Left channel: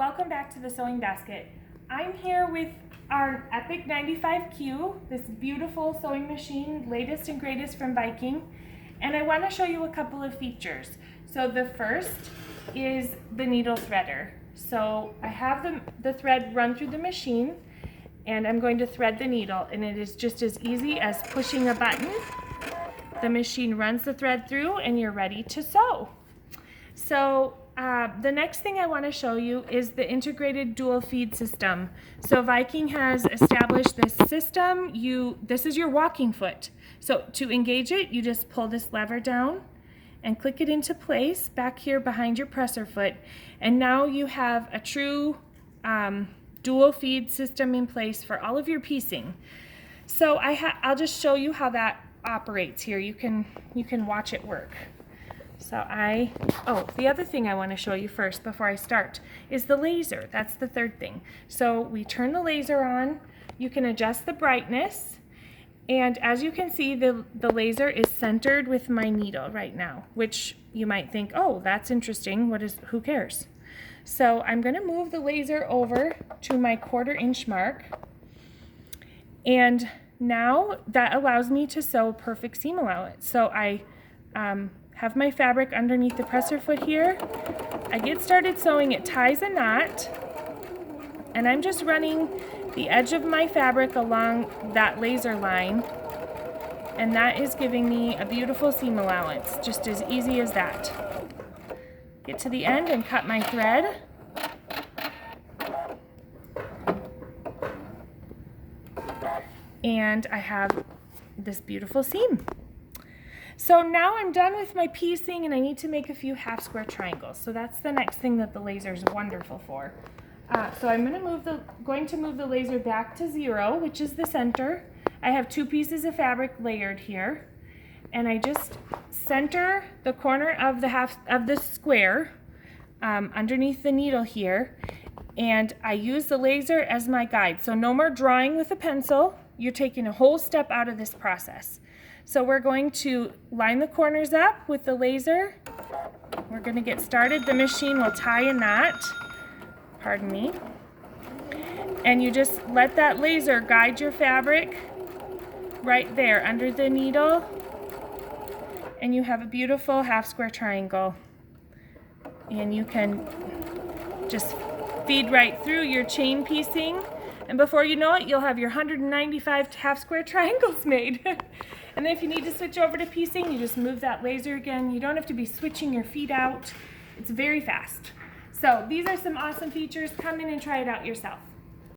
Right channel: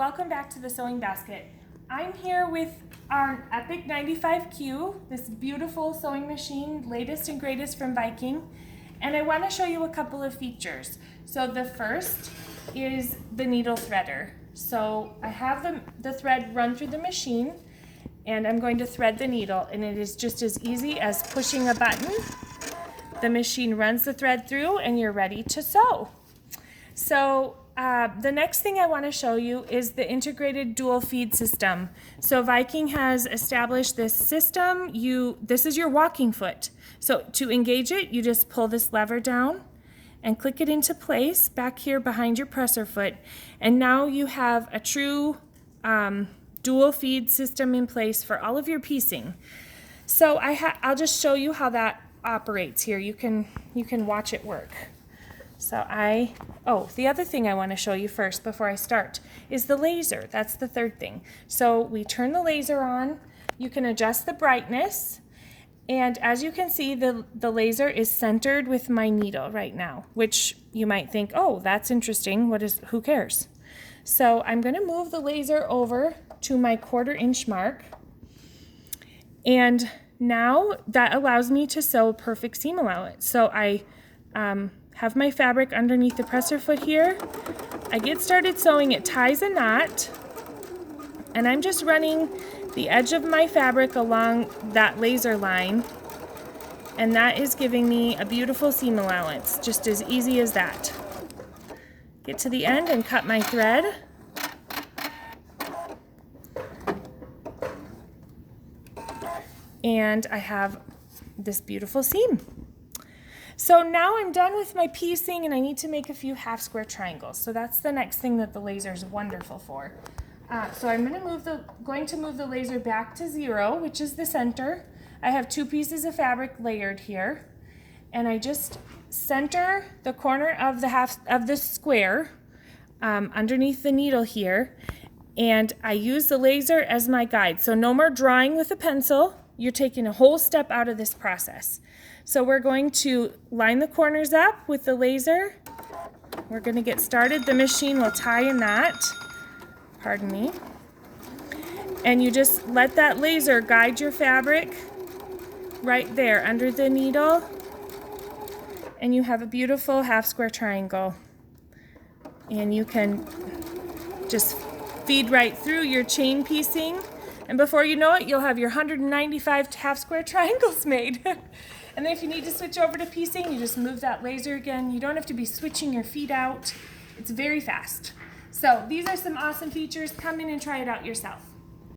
welcome back to the Sewing Basket. I'm here with our Epic 95Q, this beautiful sewing machine, latest and greatest from Viking, and I want to show you a couple of features. So the first is the needle threader. So I have the thread run through the machine, and I'm going to thread the needle, and it is just as easy as pushing a button. The machine runs the thread through and you're ready to sew. So the next thing I want to show you is the integrated dual feed system. So Viking has established this system. This is your walking foot. So to engage it, you just pull this lever down and click it into place back here behind your presser foot. And now you have a true dual feed system in place for all of your piecing. So I'll just show you how that operates here. You can watch it work. So the other thing I want to show you first before I start is the laser. That's the third thing. So we turn the laser on. You can adjust the brightness, and as you can see, the laser is centered with my needle right now, which you might think, oh, that's interesting. Who cares? So I'm going to move the laser over to my 1/4 inch mark, and now that allows me to sew perfect seam allowance. So I have my fabric underneath the presser foot here. I get started sewing. It ties a knot, and I'm just running the edge of my fabric along that laser line, and that is giving me a beautiful seam allowance, just as easy as that. Get to the end and cut my thread. And I have this beautiful seam. So now I'm done with my piecing, and I need to make a few half square triangles. So that's the next thing that the laser is wonderful for. So I'm going to move the laser back to 0, which is the center. I have 2 pieces of fabric layered here, and I just center the corner of the square underneath the needle here, and I use the laser as my guide. So no more drawing with a pencil. You're taking a whole step out of this process. So we're going to line the corners up with the laser. We're going to get started. The machine will tie a knot. Pardon me. And you just let that laser guide your fabric right there under the needle. And you have a beautiful half square triangle. And you can just feed right through your chain piecing. And before you know it, you'll have your 195 half square triangles made. And then if you need to switch over to piecing, you just move that laser again. You don't have to be switching your feet out. It's very fast. So these are some awesome features. Come in and try it out yourself.